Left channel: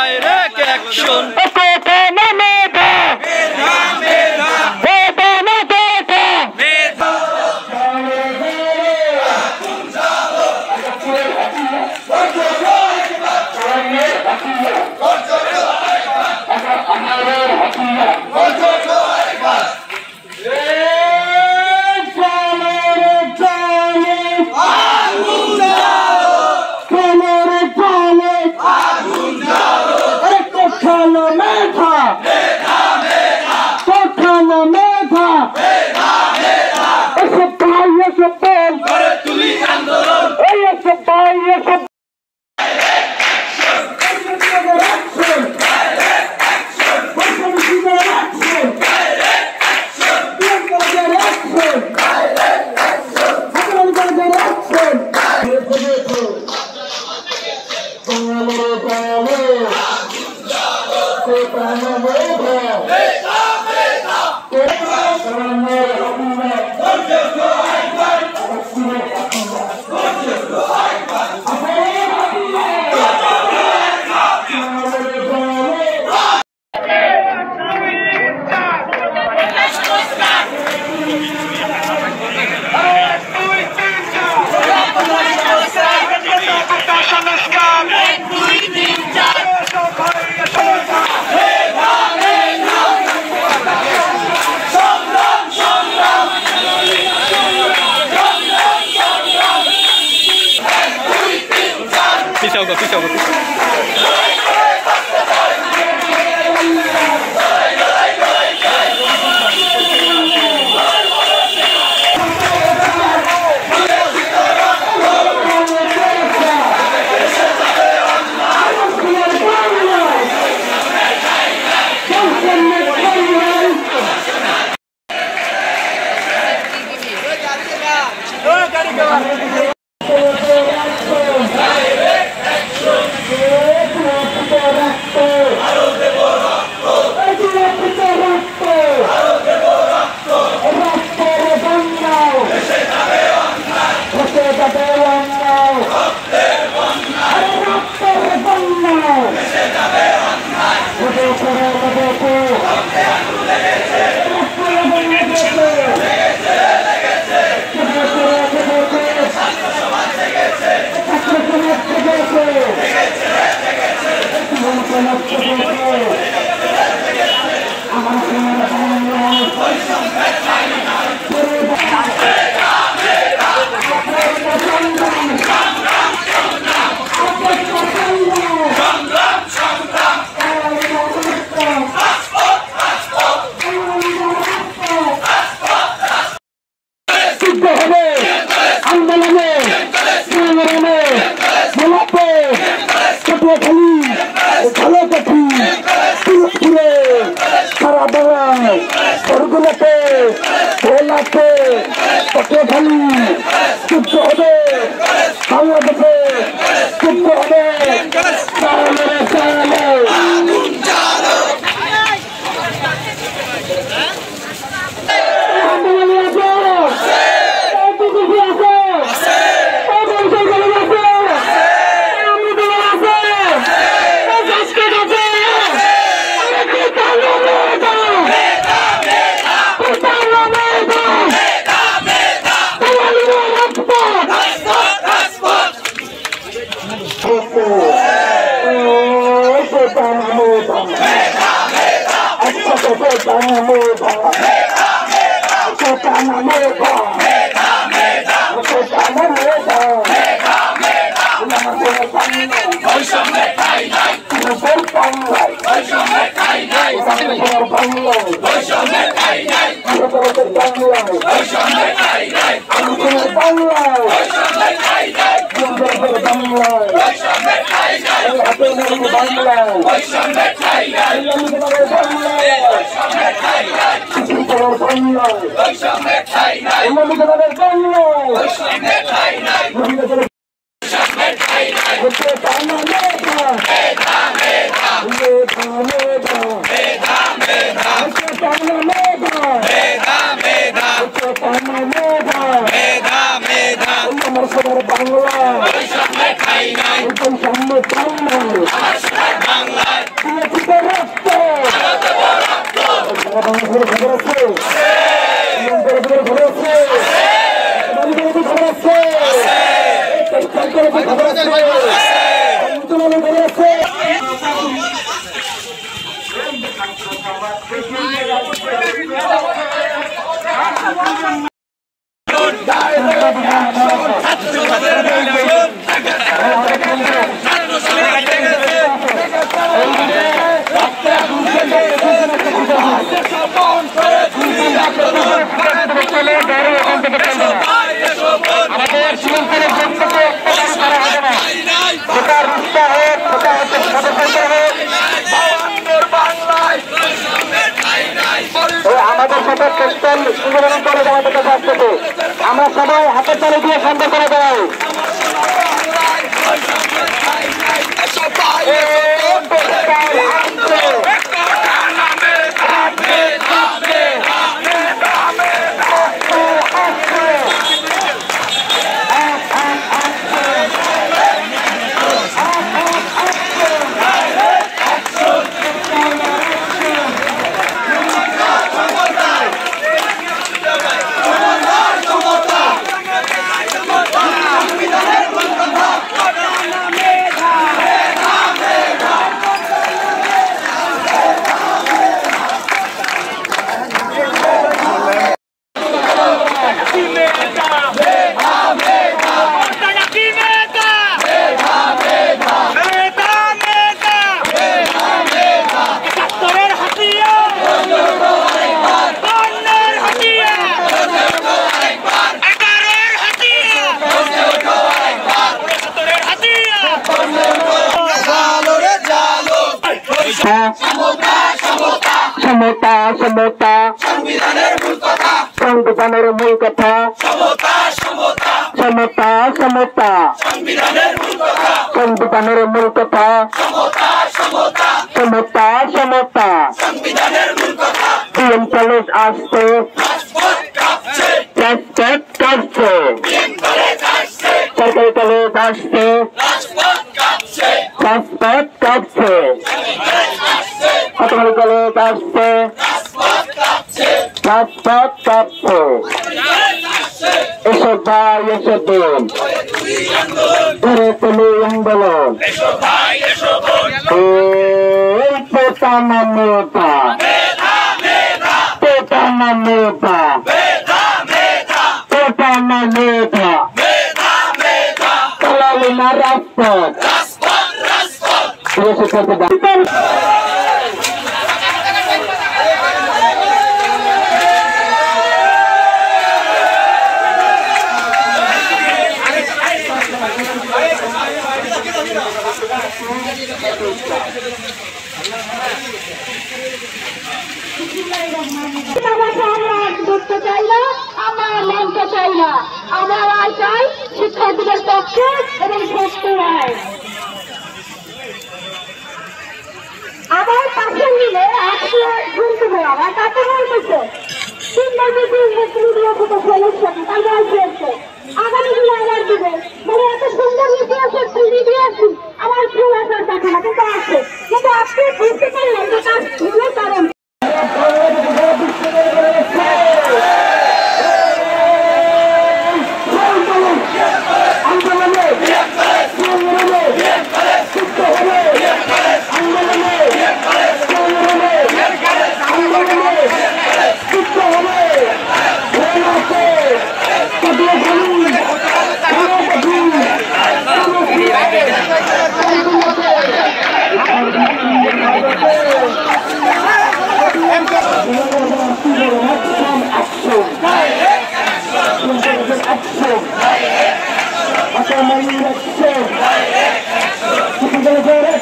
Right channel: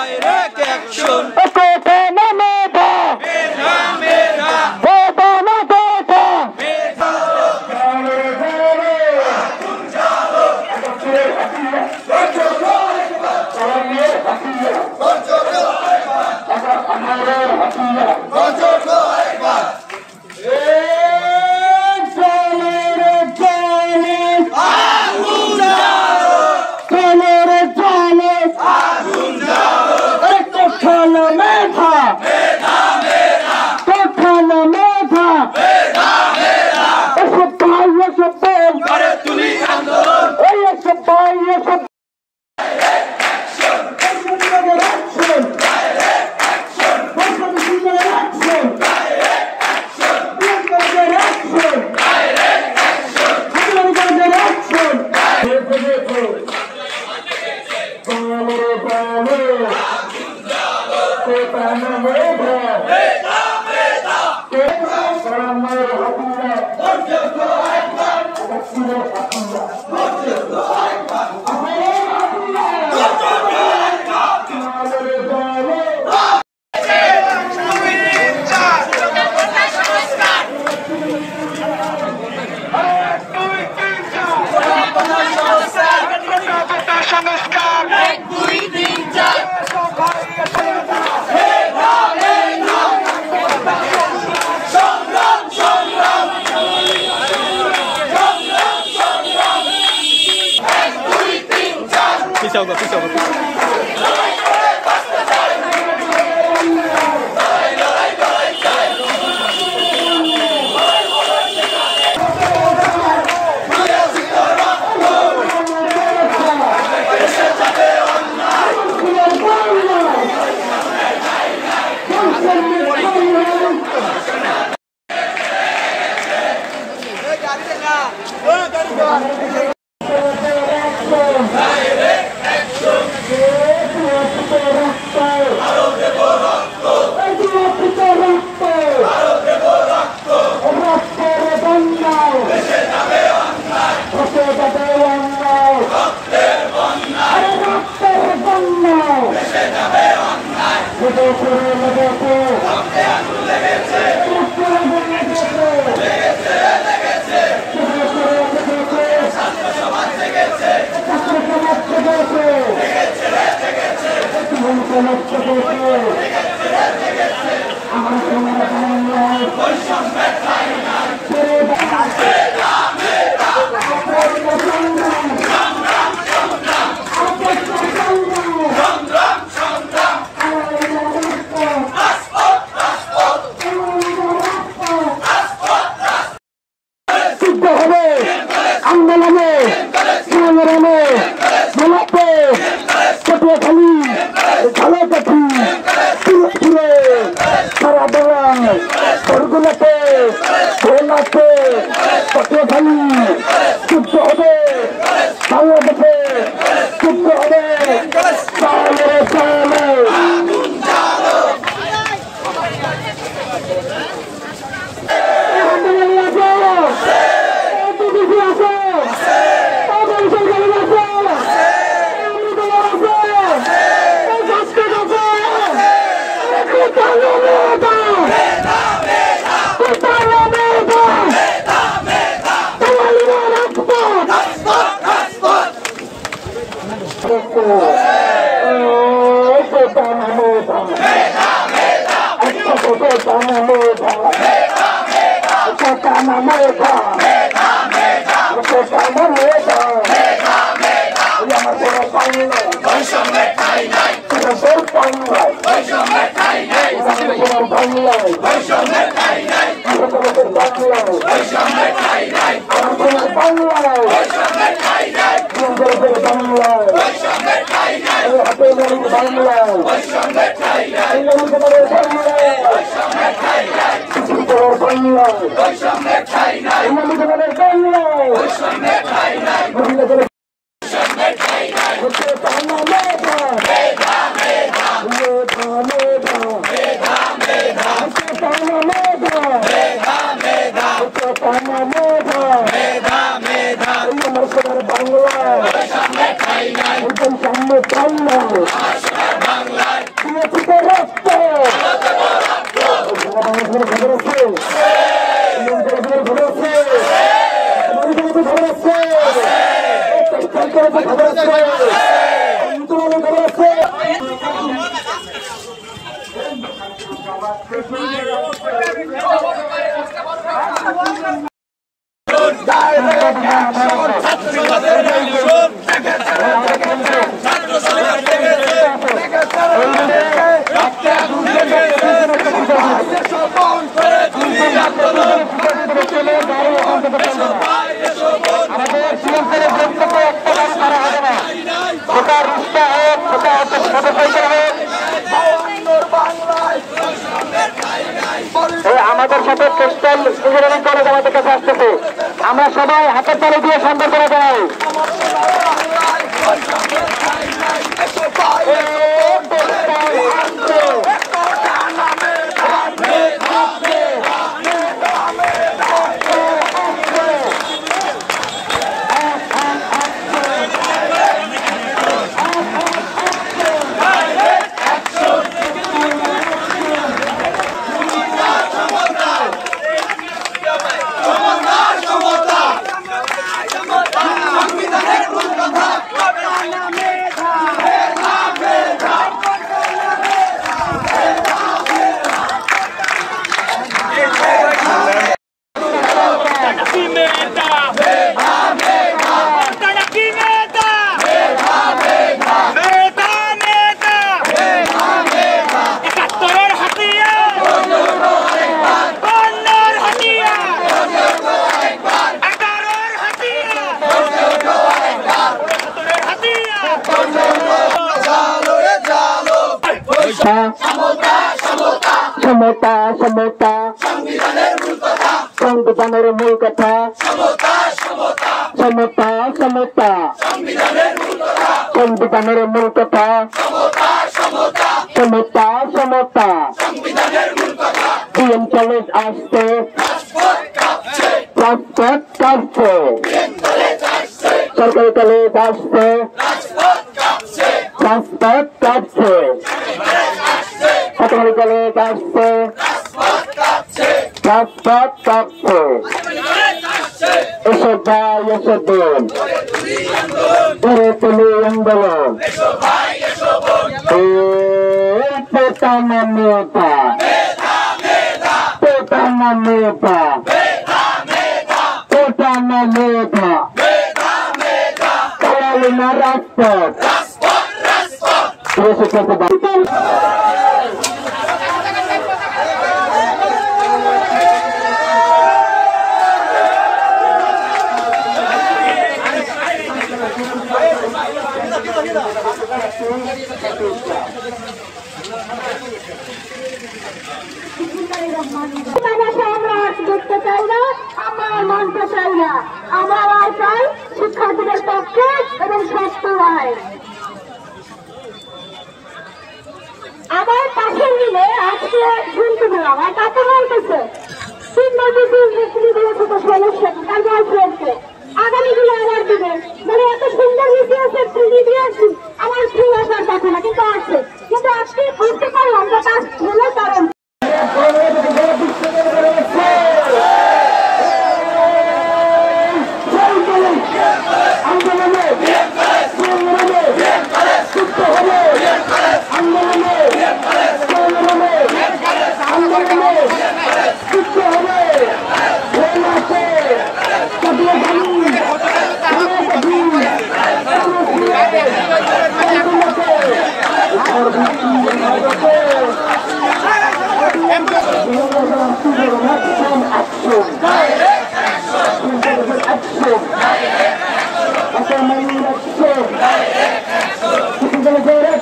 Direct action. Pisau go. Bangla আমাদের সাথে crystal engineering college আমাদের কাছে আসতেছে, আমরা সবাই হাতের তালি দিয়ে শান্ত করে দেয়। সমতা সমতা সংবিধানের মূল কথা, সমতা সমতা সংবিধানের মূল কথা, সমতা সমতা ডিএম কলেজ আসছে, রাজপথ কাঁপছে, সরকারি কলেজ আসছে, রাজপথ কাঁপছে, কতগুলি কলেজ আসছে, রাজপথ কাঁপছে। এসব ভাই এসব বোন গড়ে তুলি আন্দোলন, পেটা না মেয়েটা, পেটা না মেয়েটা, পেটা না মেয়েটা, চালালি না রাজপথ। দেখতে চাই না, আমরা মানতে চাই না, আমরা রায় চাই শিক্ষার্থীদের পক্ষে এবং সুস্থ রায়। আমার পাশে মিলে আজকে শুনতে পেলাম আর তাতে বলতেছে 3 মাসে ভিডিও থেকে সমস্যাটি তার গার্লফ্রেন্ডকে আগামী দিনে আবার দিবে, মানে এত সুন্দর ইতিহাসের ছবি দিয়েছি আমার ফুল আসার কথা না, কিন্তু আছে, কিন্তু আজকে বুঝতে পারলাম যে তার ভুল কারণ। Action!